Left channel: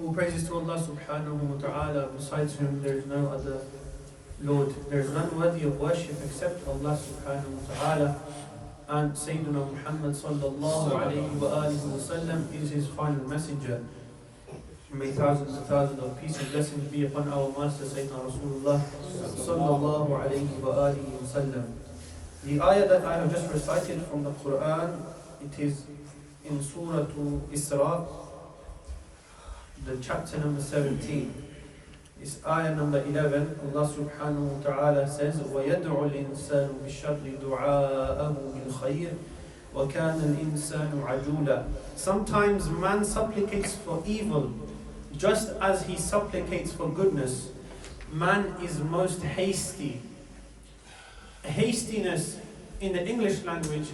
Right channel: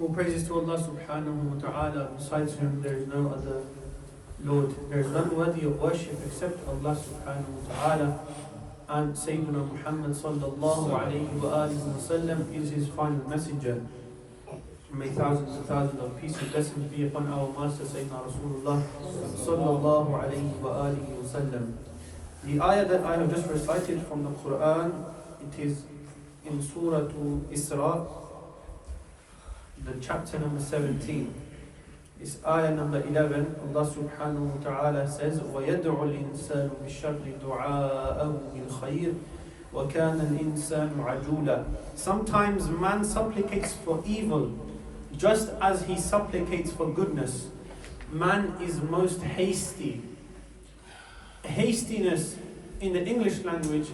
All praises to Allah subhanahu wa ta'ala, besides whom there is no other Lord. There is none worthy of worship except Allah subhanahu wa ta'ala. And Sayyidina Muhammad sallallahu alayhi wa alihi wa sallam is his final messenger. May thousands and thousands of peace and blessings be upon our master Sayyidina Rasulullah sallallahu alayhi wa alihi wa sallam. The ayah that I have just recited from the Quran, it is in Surah Isra, the chapter number 17. It's ayah number 11. Allah subhanahu wa ta'ala says, وَيَدْعُ الْإِنسَانُ بِالشَّرِّ دُعَاءَهُ بِالْخَيْرِ وَكَانَ الْإِنسَانُ عَجُولًا. Sometimes man supplicates for evil, just as he supplicates for goodness. Man is most hasty. Hastiness in the English language,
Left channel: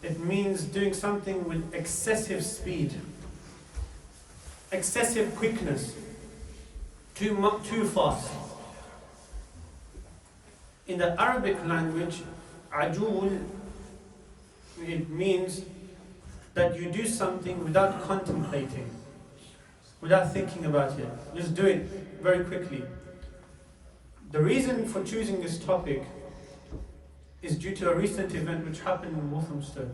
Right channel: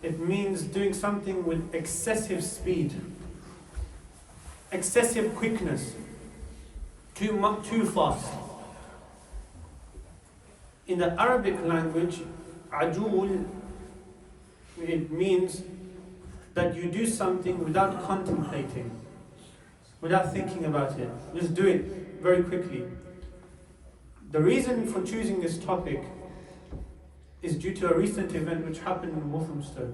it means doing something with excessive speed, excessive quickness, too fast. In the Arabic language, ajul, it means that you do something without contemplating, without thinking about it. Just do it very quickly. The reason for choosing this topic is due to a recent event which happened in Walthamstow.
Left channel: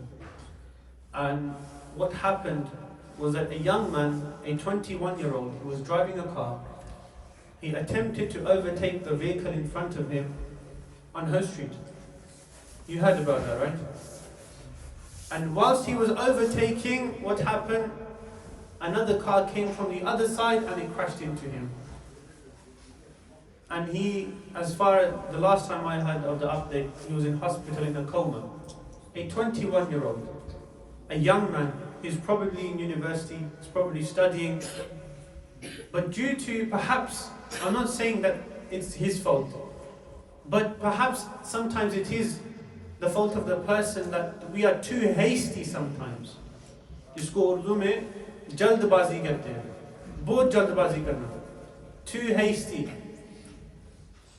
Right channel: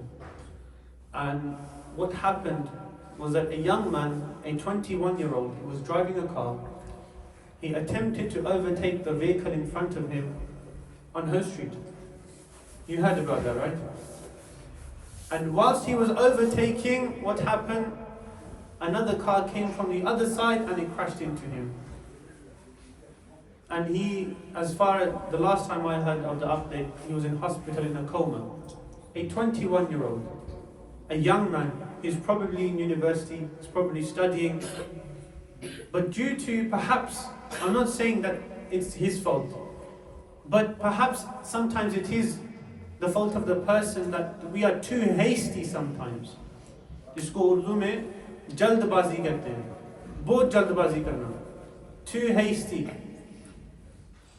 And what happened was that a young man, a 21-year-old, who was driving a car, he attempted to overtake the vehicle in front of him on Haste Street. You heard about that, right? And whilst he was overtaking, what happened? Another car came from the other side and it crashed into him. And he, as far as the last time I heard of the update, he was in hospital in a coma. A 21-year-old, a young man, he's probably in university, he's probably studying, but due to perhaps, I'm not saying that it's his fault, but perhaps sometimes it is the fault of the person that we are too hasty sometimes. जिसको उर्दू में जल्दबाजी कहते हैं, बहुत जल्दबाजी करना, too hasty.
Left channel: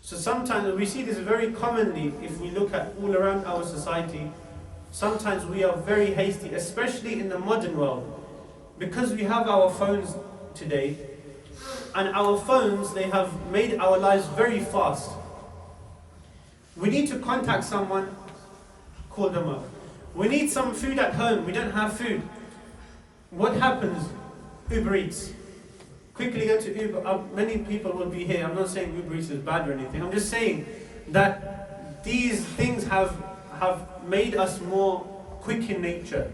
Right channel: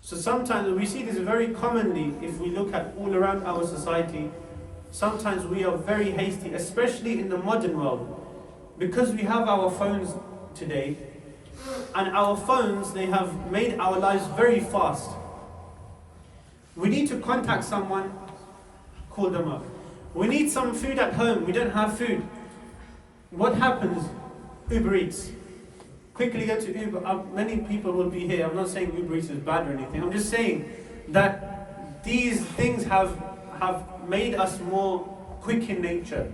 So sometimes we see this very commonly if we look at all around our society. Sometimes we are very hasty, especially in the modern world, because we have our phones today, and our phones, they have made our lives very fast. We need to contact someone, call them up. We need some food at home, we don't have food. What happens? Uber Eats. Quickly go to Uber. Many people will be here. I'm not saying Uber Eats is bad or anything. I'm just saying that these things have made us more quick in nature.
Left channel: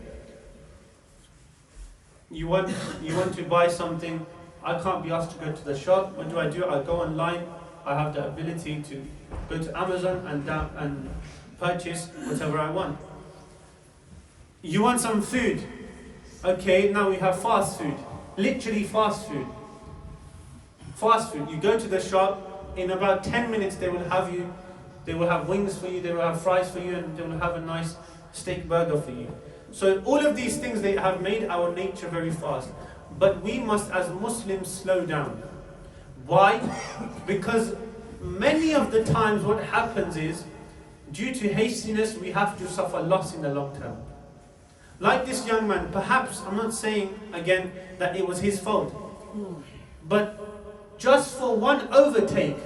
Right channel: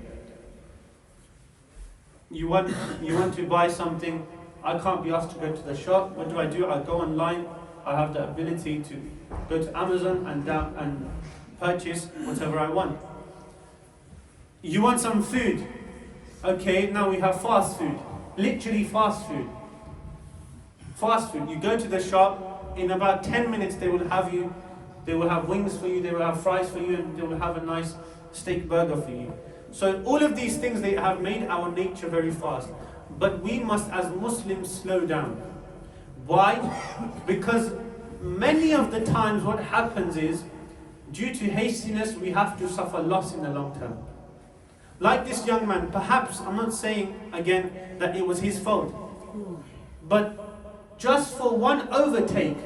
You want to buy something. I can't be asked to go to the shop. What do? I go online. I have the ability to go to Amazon and purchase whatever I want. You want some food. Okay, now we have fast food. Literally fast food. Fast food. You go to the shop, in about 10 minutes they will have wings for you, they will have fries for you, and they will have a nice steak burger for you. So all of these things, they have made our nature very fast. But we must, as Muslims, slow down. Why? Because many of the times what happens is, due to hastiness, we have to suffer loss in the long term. Like this young man, perhaps, I'm not saying again that it was his fault, but just for one overtake,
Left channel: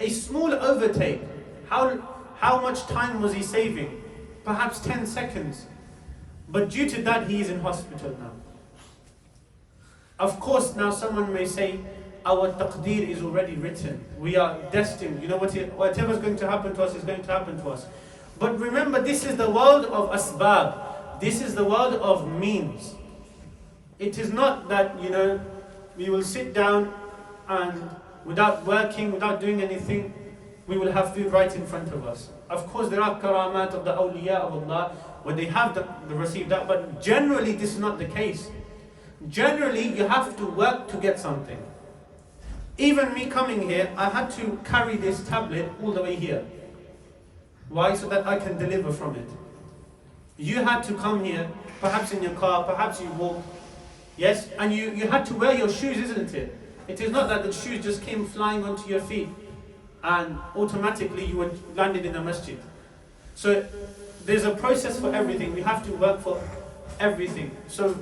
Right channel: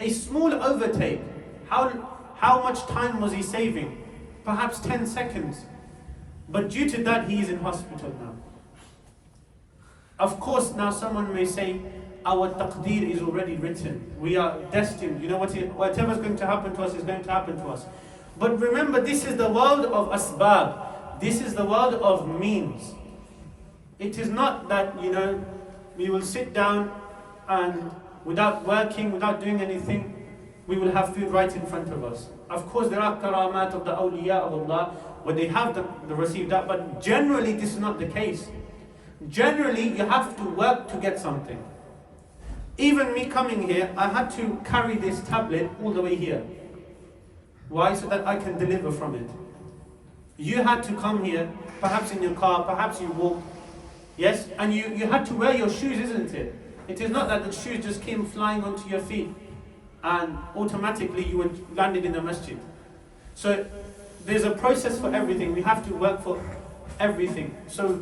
a small overtake, how much time was he saving? Perhaps 10 seconds. But due to that, he is in hospital now. Of course, now someone may say, our taqdeer is already written. We are destined. You know, whatever is going to happen to us is going to happen to us. But remember, this is the world of asbab. This is the world of means. It is not that, we will sit down and without working, without doing anything, we will have food right in front of us. Of course, there are karamat of the awliya of Allah, where they have received that, but generally this is not the case. Generally, you have to work to get something. Even me coming here, I had to carry this tablet all the way here. Why? So that I can deliver from it. You had to come here, perhaps in your car, perhaps you walked, yes? And you had to wear your shoes, isn't it? It is not that the shoes just came flying onto your feet and automatically you were landed in the masjid. So there's a process for everything. We have to work for everything. So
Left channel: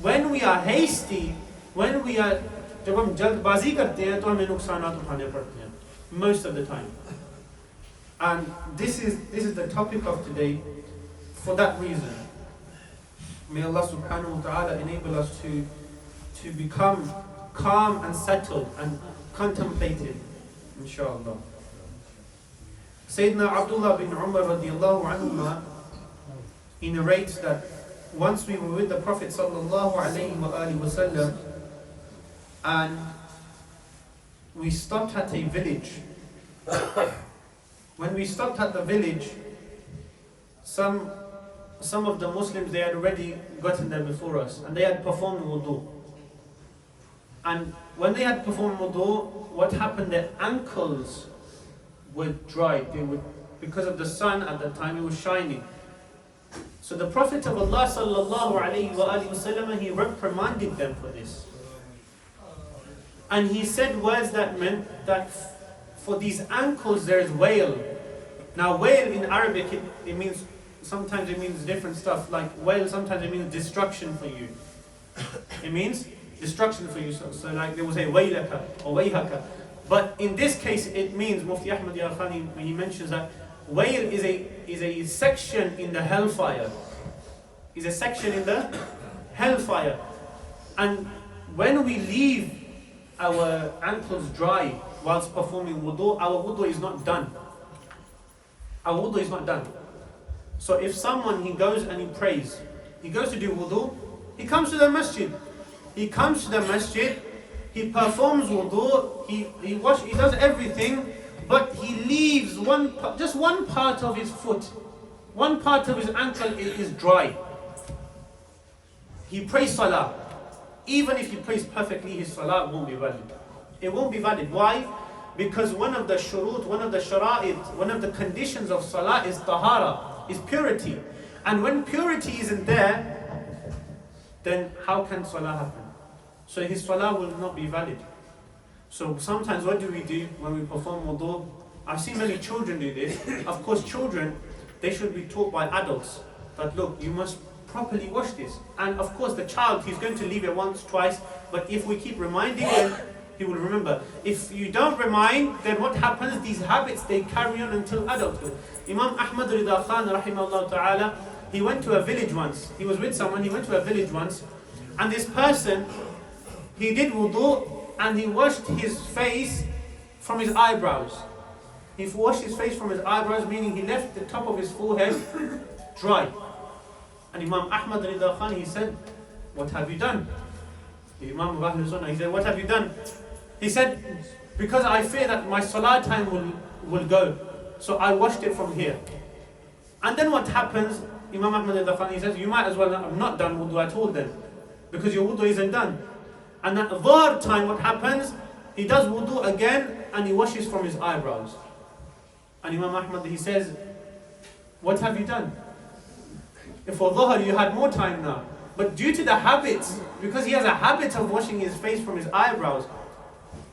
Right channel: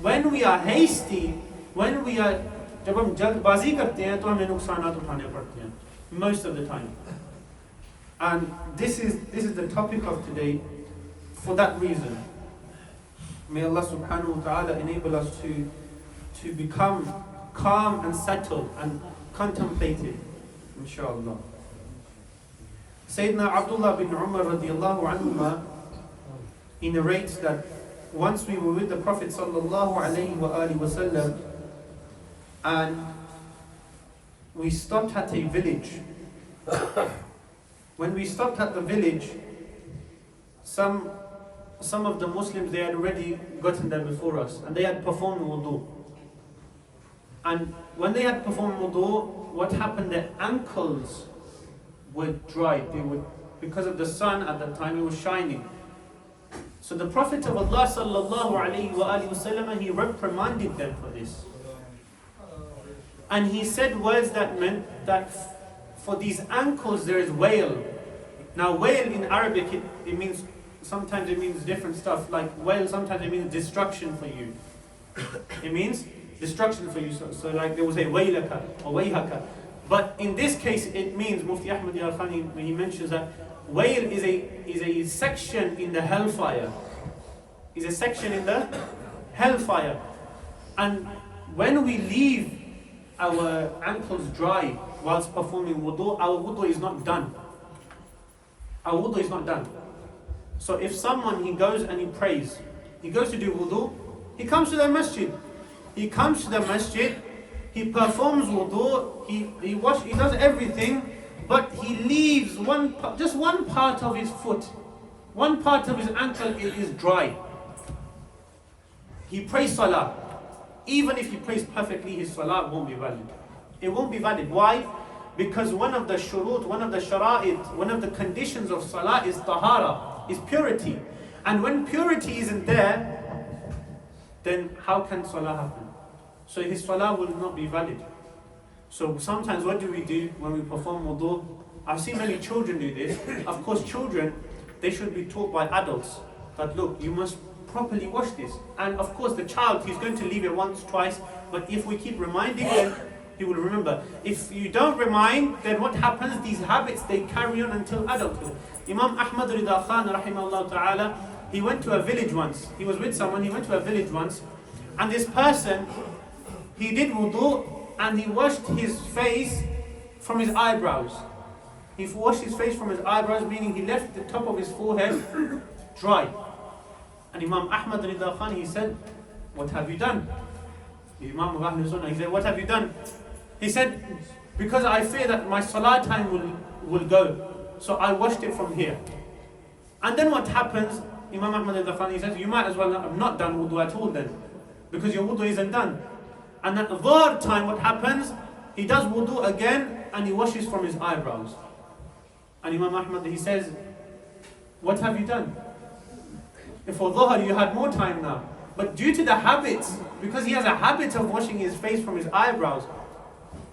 when we are hasty, when we are, जब हम जल्दबाजी करते हैं तो हमें नुकसानात उठाने पड़ते हैं, most of the time. And this is the topic of today for that reason. May Allah subhanahu wa ta'ala enable us to become calm and settled and contemplative, inshallah. Sayyidina Abdullah bin Umar radiallahu anhuma, he narrates that once we were with the Prophet sallallahu alayhi wa alihi wa sallam, and we stopped at a village. When we stopped at the village, some of the Muslims, they had already gotten there before us, and they had performed wudu. And when they had performed wudu, what happened? Their ankles were dried. Because of the sun at that time, it was shining. So the Prophet of Allah sallallahu alayhi wa alihi wasallam, he reprimanded them for this. And he said words that meant that for these ankles there is wail. Now wail in Arabic, it means, sometimes it means different stuff. Like wail, sometimes it means destruction for you. It means destruction for you. So like there was a wailaka or wayhaka. But in this case it means, Mufti Ahmad Al-Khani, when he mentions that wail is a section in the hellfire. Is a section in the hellfire. And when we leave our ankles dry whilst performing wudu, our wudu is not done. Our wudu is not done. So if someone, he goes and he prays, he goes to do wudu, he comes to the masjid. He comes to the masjid, he performs wudu, he does everything, but he leaves just one part of his foot, one part of his ankle is dry. He prays salah. Even if he prays perfectly, his salah won't be valid. It won't be valid. Why? Because one of the shurut, one of the shara'id, one of the conditions of salah is tahara, is purity. And when purity isn't there, then how can salah happen? So his salah will not be valid. So sometimes what do we do when we perform wudu? I've seen many children do this. Of course, children, they should be taught by adults that look, you must properly wash this. And of course the child, he's going to leave it once, twice, but if we keep reminding him, he will remember. If you don't remind, then what happens? These habits, they carry on until adulthood. Imam Ahmad Rida Khan rahimahullah ta'ala, he went to a village once. He was with someone, he went to a village once, and this person, he did wudu and he washed his face from his eyebrows. He washed his face from his eyebrows, meaning he left the top of his forehead dry. And Imam Ahmad Rida Khan, he said, what have you done? The Imam of Ahlul Sunnah, he said, what have you done? He said, because I fear that my salah time will go, so I washed it from here. And then what happens? Imam Ahmad Rida Khan, he says, you might as well have not done wudu at all then, because your wudu isn't done. And at the third time, what happens? He does wudu again and he washes from his eyebrows. And Imam Ahmad, he says, what have you done? For dhuhr you had more time now. But due to the habits, because he has a habit of washing his face from his eyebrows,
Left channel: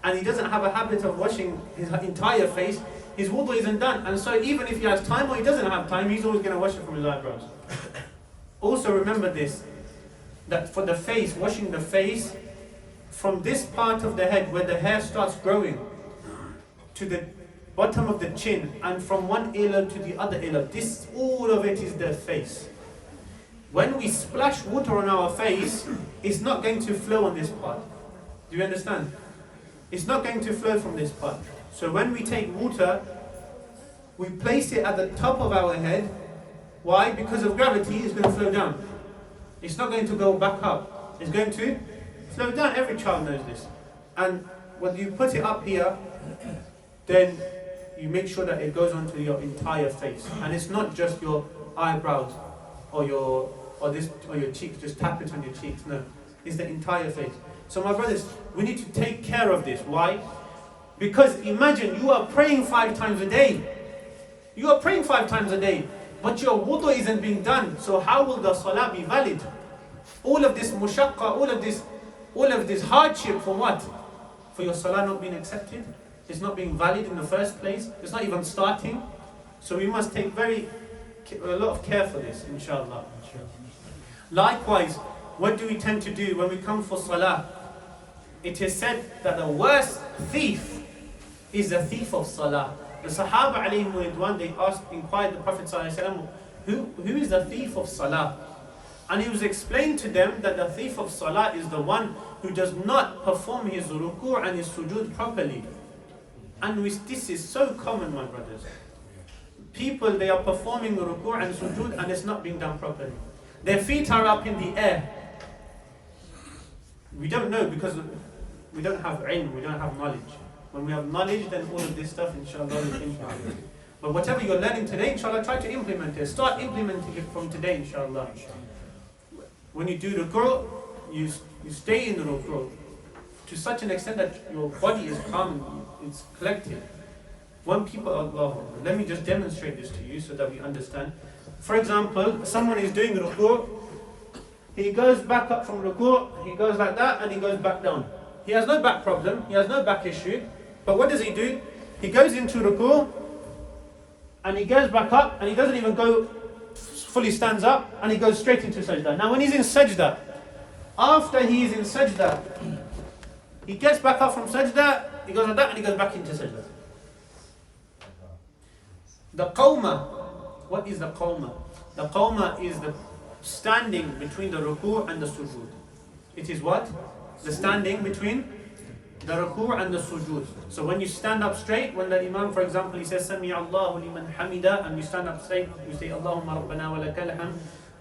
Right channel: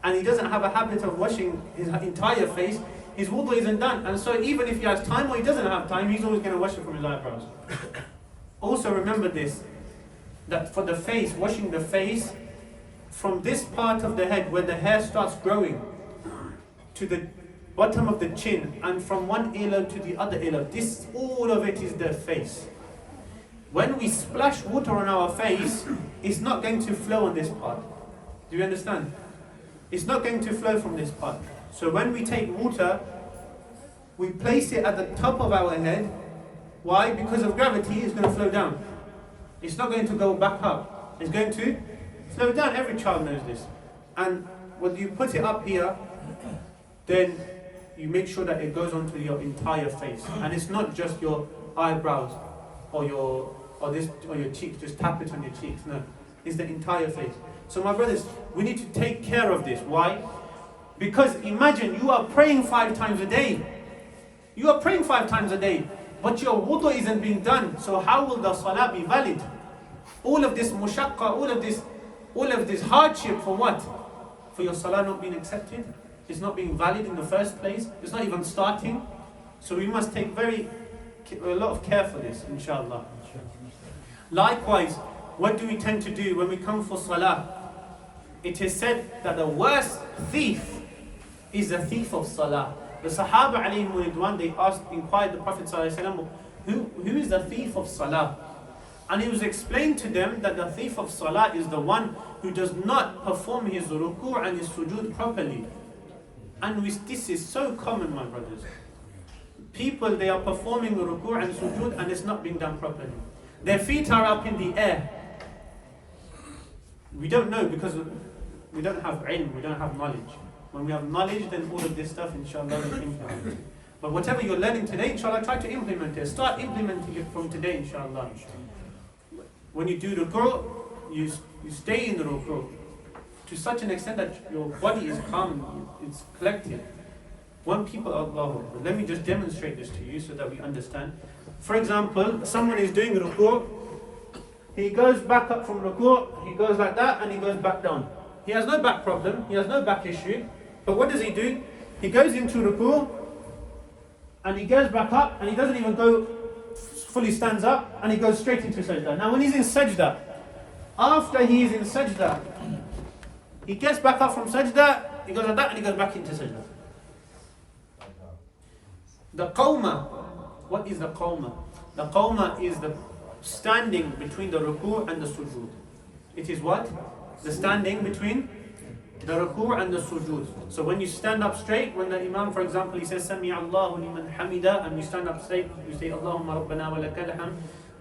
and he doesn't have a habit of washing his entire face, his wudu isn't done. And so even if he has time or he doesn't have time, he's always going to wash it from his eyebrows. Also remember this, that for the face, washing the face, from this part of the head where the hair starts growing to the bottom of the chin, and from one earlobe to the other earlobe, this, all of it is the face. When we splash water on our face, it's not going to flow on this part. Do you understand? It's not going to flow from this part. So when we take water, we place it at the top of our head. Why? Because of gravity, it's going to flow down. It's not going to go back up. It's going to flow down. Every child knows this. And when you put it up here, then you make sure that it goes onto your entire face. And it's not just your eyebrows or your cheeks, just tap it on your cheeks. No, it's the entire face. So my brothers, we need to take care of this. Why? Because imagine you are praying 5 times a day. You are praying 5 times a day, but your wudu isn't being done. So how will the salah be valid? All of this mushaqqa, all of this hardship for what? For your salah not being accepted? It's not being valid in the first place. It's not even starting. So we must take a lot of care for this, inshallah. Likewise, what do we tend to do when we come for salah? it is said that the worst thief is the thief of salah. The Sahaba alayhim ridwan, they inquired the Prophet sallallahu alaihi wasallam, who is the thief of salah? And he was explained to them that the thief of salah is the one who does not perform his ruku' and his sujood properly. And this is so common, my brothers. People, they are performing ruku' and sujood and it's not being done properly. Their feet are up in the air. We don't know because we don't have ilm, we don't have knowledge. When we have knowledge, then all of this stuff, inshallah, we'll implement it. But whatever you're learning today, inshallah, try to implement it. Start implementing it from today, inshallah. When you do ruku', you stay in the ruku' to such an extent that your body is calm, it's collected. When people, Allah, let me just demonstrate this to you so that we understand. For example, someone is doing ruku', he goes back up from ruku', he goes like that, and he goes back down. He has no back problem, he has no back issue, but what does he do? He goes into ruku', and he goes back up, and he doesn't even go fully stands up, and he goes straight into sajda. Now when he's in sajda, after he is in sajda, he gets back up from sajda, he goes like that, and he goes back into sajda. The qawma, what is the qawma? The qawma is the standing between the ruku' and the sujood. It is what? The standing between the ruku' and the sujood. So when you stand up straight, when the imam, for example, he says Sami Allahu liman hamida, and you stand up straight, you say Allahumma rabbana wa lakal hamd.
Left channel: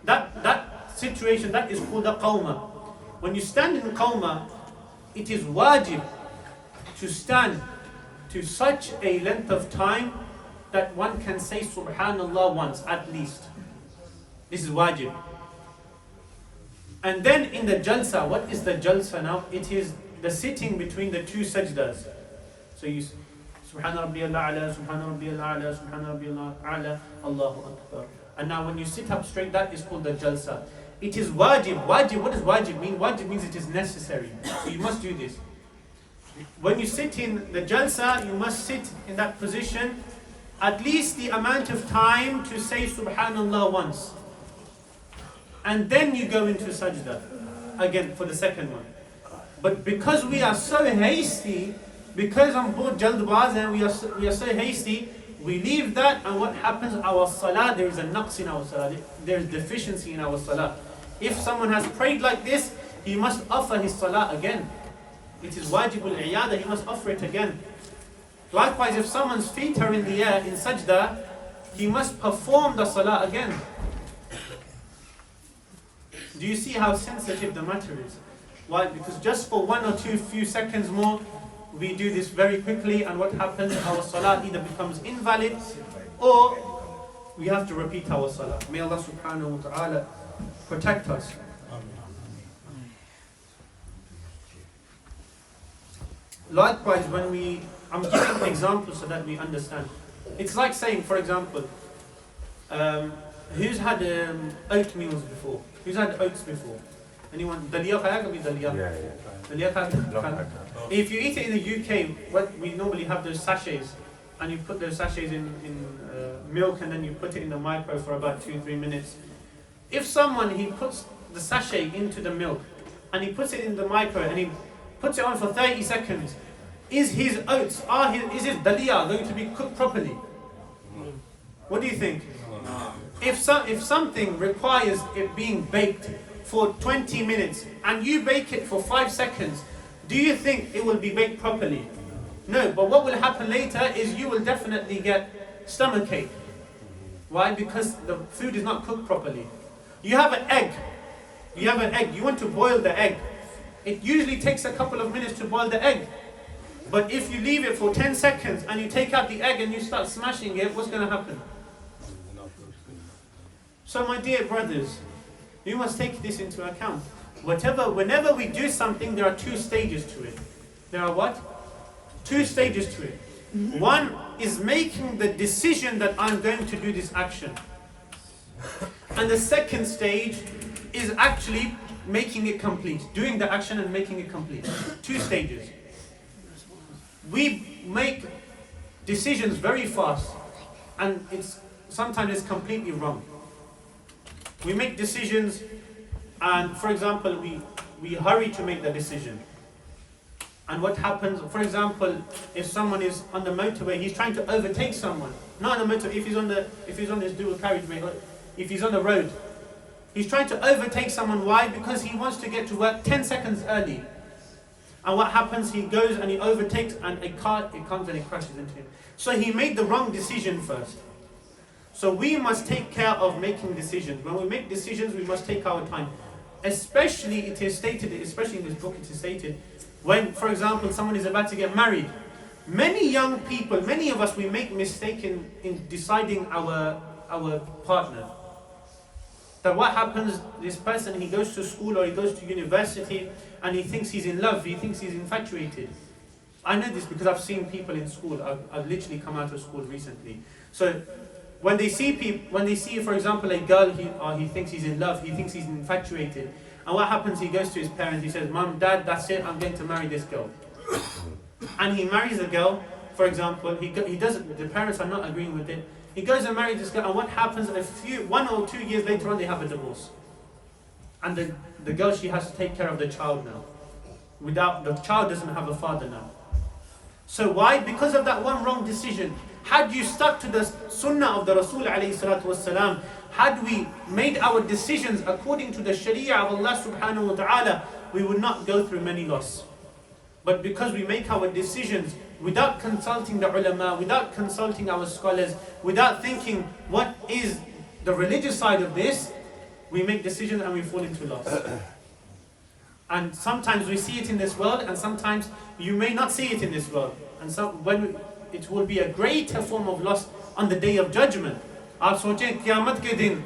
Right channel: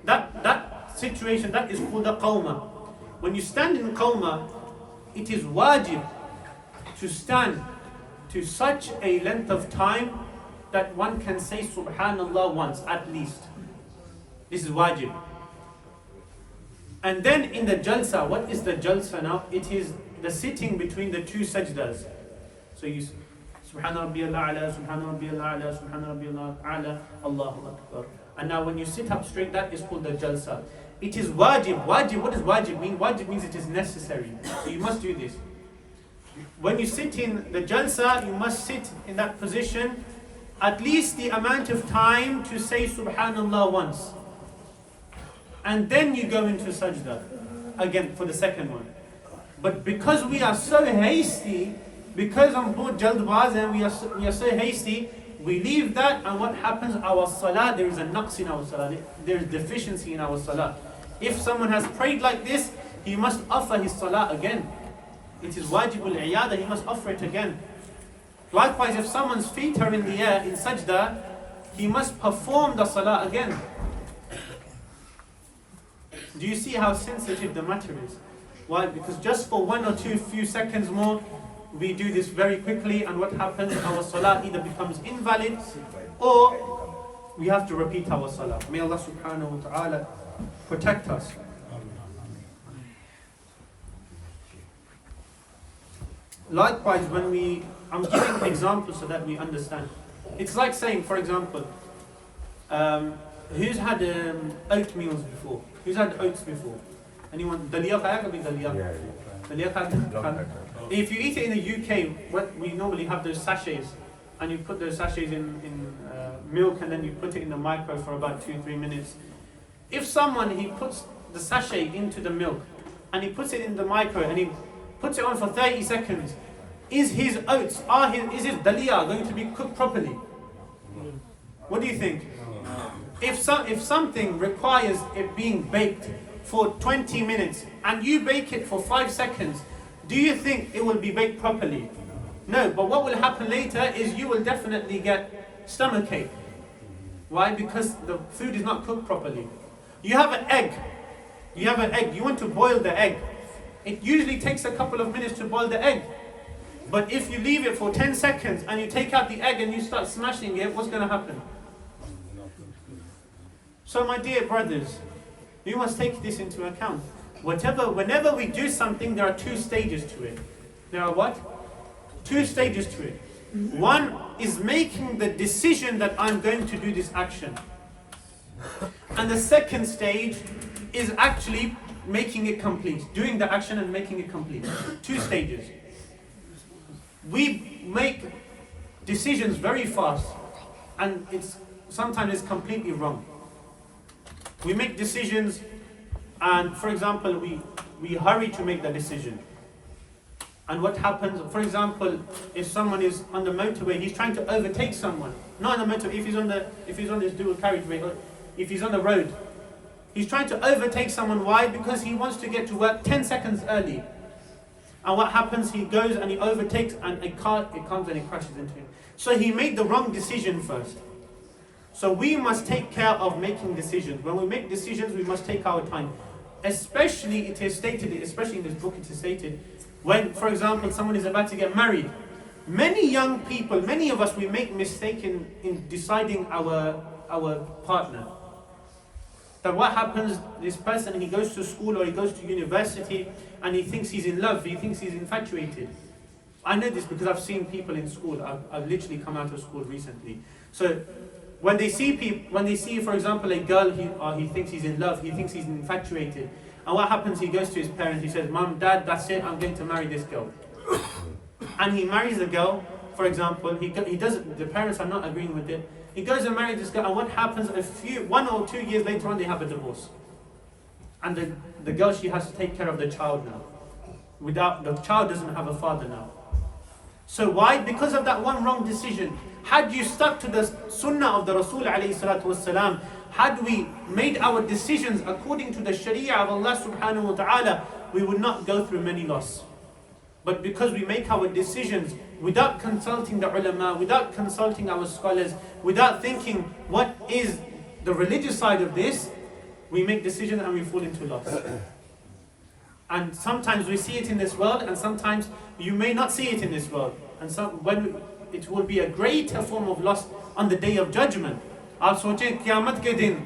That situation, that is called a qawma. When you stand in qawma, it is wajib to stand to such a length of time that one can say subhanallah once at least. This is wajib. And then in the jalsa, what is the jalsa now? It is the sitting between the two sajdas. So you Subhana Rabbiyal A'la, Subhana Rabbiyal A'la, Subhana Rabbiyal A'la, Allahu Akbar. And now when you sit up straight, that is called the jalsa. It is wajib. Wajib, what does wajib mean? Wajib means it is necessary. So you must do this. When you sit in the jalsa, you must sit in that position at least the amount of time to say Subhanallah once. And then you go into sajda again for the second one. But because we are so hasty, because I'm bored jaldbaz and we are so hasty, we leave that, and what happens? Our salah, there is a naqs in our salah, there is deficiency in our salah. If someone has prayed like this, he must offer his salah again. It is wajibul iyada, he must offer it again. Likewise, if someone's feet are in the air in sajda, he must perform the salah again. Do you see how sensitive the matter is? Why? Because just for one or two few seconds more, we do this very quickly, and what happens? Our salah either becomes invalid or we have to repeat our salah. May Allah subhanahu wa ta'ala protect us. Likewise, when I'm giving examples so that we understand. It's like saying, for example, who's had oatmeals before? Who's had oats before? Anyone? Dalia khaya kabhi dalia? Yeah. Dalia khaya. If you eat it in the UK, we normally have those sachets, and you put those sachets in milk, and then you put it in the micro for about 2-3 minutes. If someone, he puts the sachet into the milk, and he puts it in the micro, and he puts it on for 30 seconds, is his oats, is his dalia going to be cooked properly? What do you think? If something requires it being baked for 20 minutes and you bake it for 5 seconds, do you think it will be baked properly? No, but what will happen later is you will definitely get stomachache. Why? Because the food is not cooked properly. You have an egg. You want to boil the egg. It usually takes a couple of minutes to boil the egg. But if you leave it for 10 seconds and you take out the egg and you start smashing it, what's going to happen? So my dear brothers, you must take this into account. Whenever we do something, there are 2 stages to it. There are what? 2 stages to it. One is making the decision that I'm going to do this action. And the second stage is actually making it complete. Doing the action and making it complete. 2 stages. We make decisions very fast, and sometimes it's completely wrong. We make decisions, and for example, we hurry to make the decision. And what happens, for example, if someone is on the motorway, he's trying to overtake someone. Not on the motorway, if he's on this dual carriageway, or if he's on the road. He's trying to overtake someone. Why? Because he wants to get to work 10 seconds early. And what happens? He goes and he overtakes, and a car, it comes and it crashes into him. So he made the wrong decision first. So we must take care of making decisions. When we make decisions, we must take our time. Especially, it is stated, especially in this book, it is stated, when, for example, someone is about to get married. Many young people, many of us, we make mistake in deciding our partner. That what happens, this person, he goes to school or he goes to university and he thinks he's in love, he thinks he's infatuated. I know this because I've seen people in school. I've literally come out of school recently. So when they see, for example, a girl, he thinks he's in love, he thinks he's infatuated. And what happens? He goes to his parents, he says, Mom, Dad, that's it, I'm going to marry this girl. And he marries the girl, for example, he doesn't, the parents are not agreeing with it. He goes and marries this girl, and what happens? 1 or 2 years later on, they have a divorce. And the girl, she has to take care of the child now. The child doesn't have a father now. So why? Because of that one wrong decision. Had you stuck to the sunnah of the Rasul alayhi salatu wasalam, had we made our decisions according to the sharia of Allah subhanahu wa ta'ala, we would not go through many loss. But because we make our decisions without consulting the ulama, without consulting our scholars, without thinking what is the religious side of this, we make decisions and we fall into loss. And sometimes we see it in this world, and sometimes you may not see it in this world. And so it will be a greater form of loss on the day of judgment. आप सोचें क़यामत के दिन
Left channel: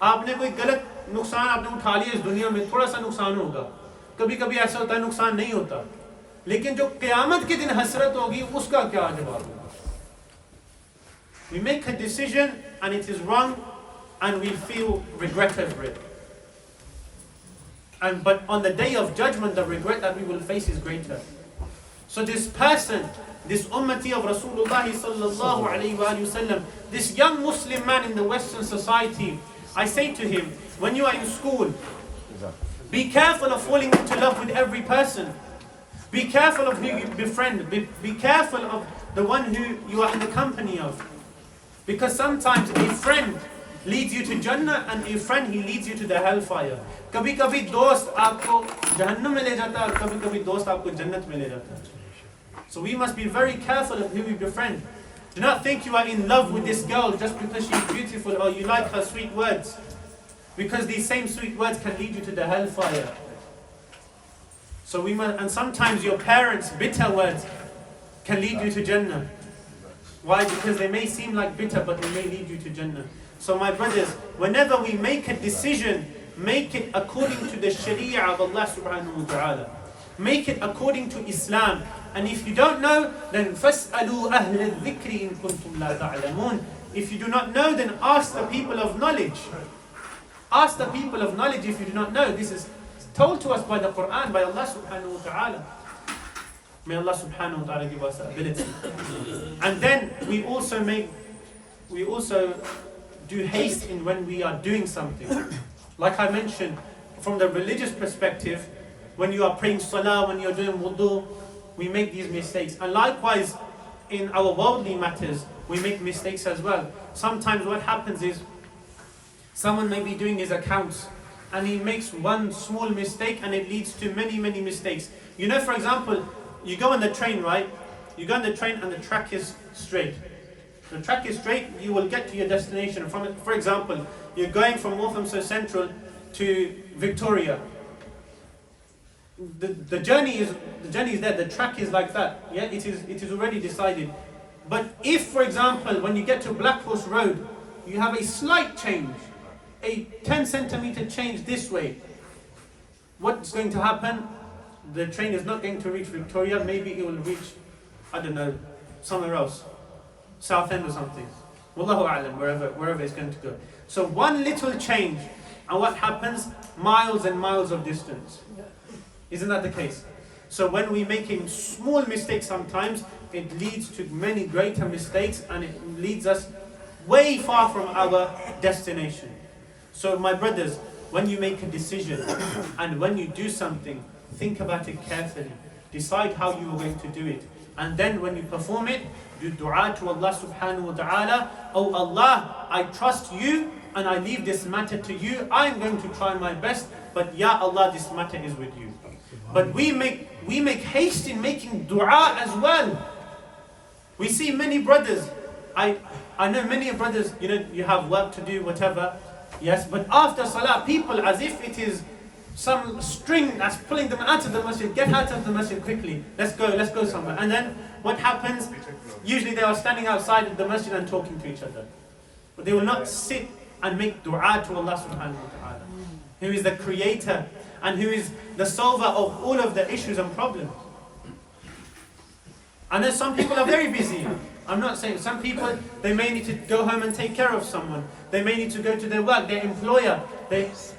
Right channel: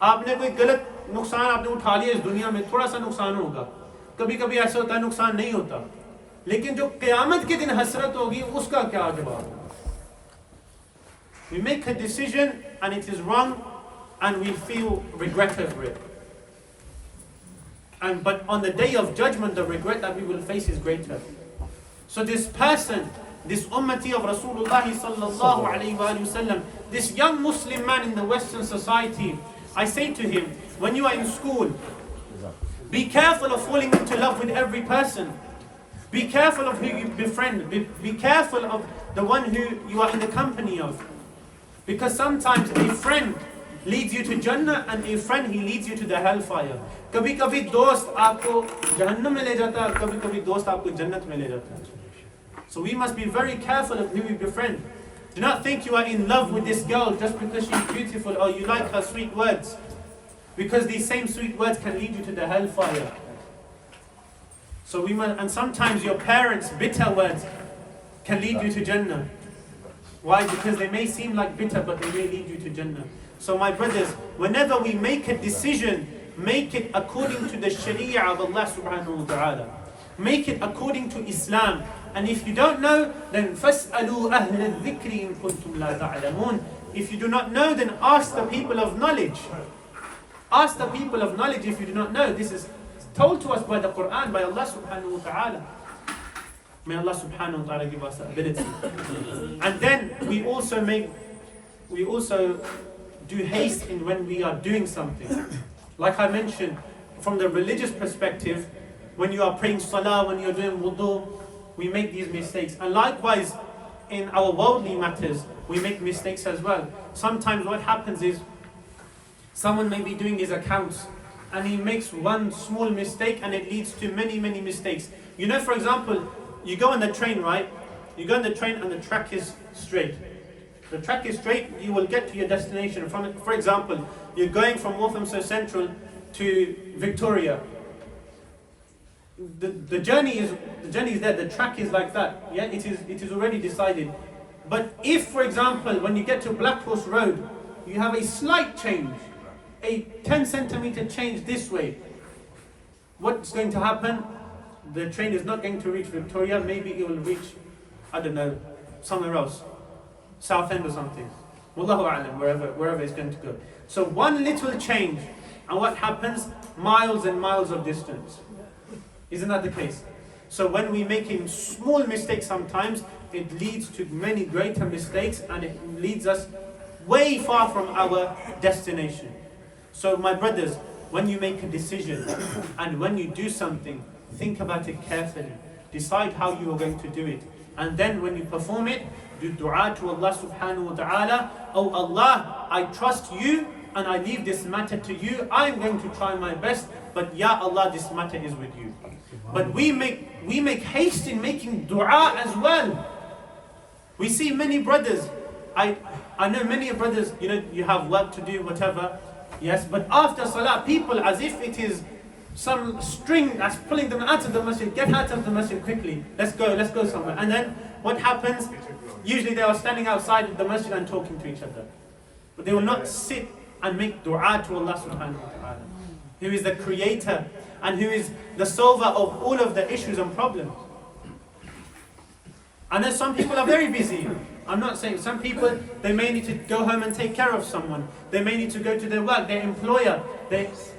आपने कोई गलत नुकसान आपने उठा लिया इस दुनिया में, थोड़ा सा नुकसान होगा. कभी कभी ऐसा होता है नुकसान नहीं होता, लेकिन जो क़यामत के दिन हसरत होगी उसका क्या जवाब होगा? We make a decision and it is wrong and we feel regret over it. But on the day of judgment, the regret that we will face is greater. So this person, this ummati of Rasulullah sallallahu alayhi wa sallam, this young Muslim man in the Western society, I say to him, when you are in school, be careful of falling into love with every person. Be careful of who you befriend. Be careful of the one who you are in the company of. Because sometimes a friend leads you to Jannah and a friend, he leads you to the hellfire. कभी कभी दोस्त आपको जहन्नम में ले जाता है और कभी कभी दोस्त आपको जन्नत में ले जाता है. So we must be very careful of who we befriend. Do not think you are in love with this girl just because she's beautiful or you like her sweet words. Because these same sweet words can lead you to the hellfire. So we must, and sometimes your parents' bitter words can lead you to Jannah. Why? Because they may seem like bitter, but they may lead you to Jannah. So my brothers, whenever we make a decision, make it according to the Sharia of Allah subhanahu wa ta'ala. Make it according to Islam. And if you don't know, then فَاسْأَلُوا أَهْلَ الذِّكْرِ إِن كُنْتُمْ لَا تَعْلَمُونَ. If you do not know, then ask the people of knowledge. Ask the people of knowledge if you do not know. This is told to us by the Quran, by Allah subhanahu wa ta'ala. May Allah subhanahu wa ta'ala give us the ability. And then we also do haste in when we are doing something. Like I mentioned, from the religious perspective, when you are praying salah, when you're doing wudu, we make these mistakes. And likewise, in our worldly matters, we make mistakes as well. Sometimes what happens is, someone may be doing his accounts, and he makes one small mistake, and it leads to many, many mistakes. You know, for example, you go on the train, right? You go on the train and the track is straight. The track is straight, you will get to your destination. For example, you're going from Walthamstow Central to Victoria. The journey is there, the track is like that. Yeah, it is already decided. But if, for example, when you get to Black Horse Road, you have a slight change, a 10 centimeter change this way, what's going to happen? The train is not going to reach Victoria, maybe it will reach, I don't know, somewhere else. Southend or something. Wallahu a'lam, wherever it's going to go. So one little change, and what happens? Miles and miles of distance. Isn't that the case? So when we make a small mistake sometimes, it leads to many greater mistakes, and it leads us way far from our destination. So my brothers, when you make a decision and when you do something, think about it carefully. Decide how you are going to do it. And then when you perform it, do dua to Allah subhanahu wa ta'ala. Oh Allah, I trust you and I leave this matter to you. I'm going to try my best, but Ya Allah, this matter is with you. But we make haste in making dua as well. We see many brothers. I know many brothers, you have work to do, whatever. Yes, but after salah, people as if it is some string that's pulling them out of the masjid. Get out of the masjid quickly. Let's go somewhere. And then what happens? Usually they are standing outside of the masjid and talking to each other. But they will not sit and make dua to Allah subhanahu wa ta'ala, who is the creator and who is the solver of all of the issues and problems. And then some people are very busy. I'm not saying, some people, they may need to go home and take care of someone. They may need to go to their work, their employer.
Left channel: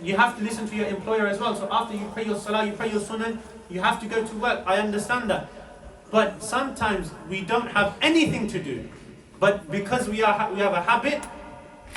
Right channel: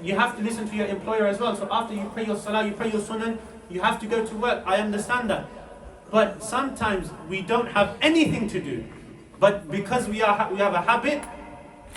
You have to listen to your employer as well. So after you pray your salah, you pray your sunnah, you have to go to work. I understand that. But sometimes we don't have anything to do. But because we have a habit,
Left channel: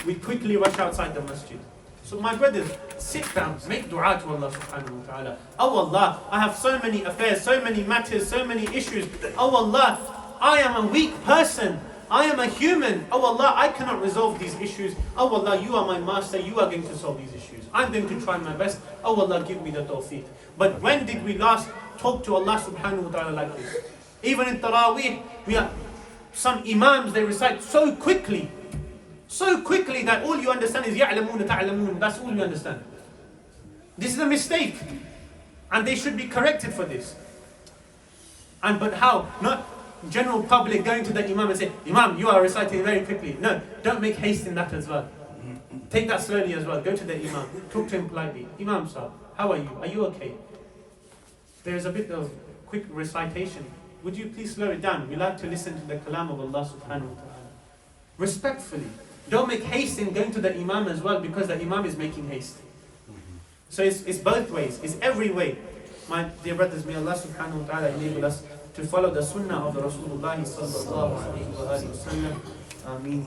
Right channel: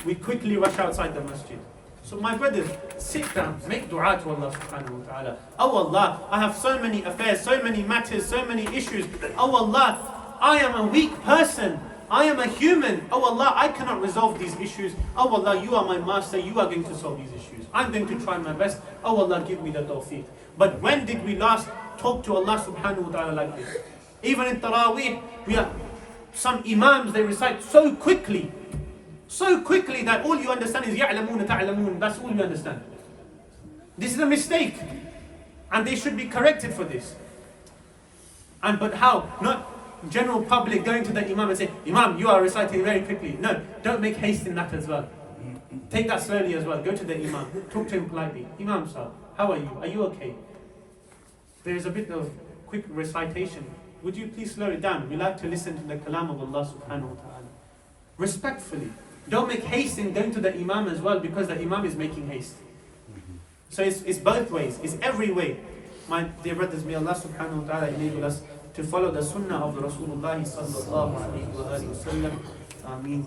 we quickly rush outside the masjid. So my brothers, sit down, make dua to Allah subhanahu wa ta'ala. Oh Allah, I have so many affairs, so many matters, so many issues. Oh Allah, I am a weak person. I am a human. Oh Allah, I cannot resolve these issues. Oh Allah, you are my master. You are going to solve these issues. I'm going to try my best. Oh Allah, give me the tawfiq. But when did we last talk to Allah subhanahu wa ta'ala like this? Even in Taraweeh, we have some imams, they recite so quickly that all you understand is يَعْلَمُونَ تَعْلَمُونَ. That's all you understand. This is a mistake. And they should be corrected for this. But how? Not general public going to the Imam and say, Imam, you are reciting very quickly. No, don't make haste in that as well. Take that slowly as well. Go to the Imam. Talk to him politely. Imam sir, how are you? Are you okay? There is a bit of quick recitation. Would you please slow it down? We like to listen to the kalam of Allah subhanahu wa ta'ala. Respectfully. Don't make haste in going to the Imam as well, because the Imam is making haste. So it's both ways. It's every way. My dear brothers, may Allah subhanahu wa ta'ala enable us to follow the sunnah of the Rasulullah sallallahu alayhi wa sallam. Ameen.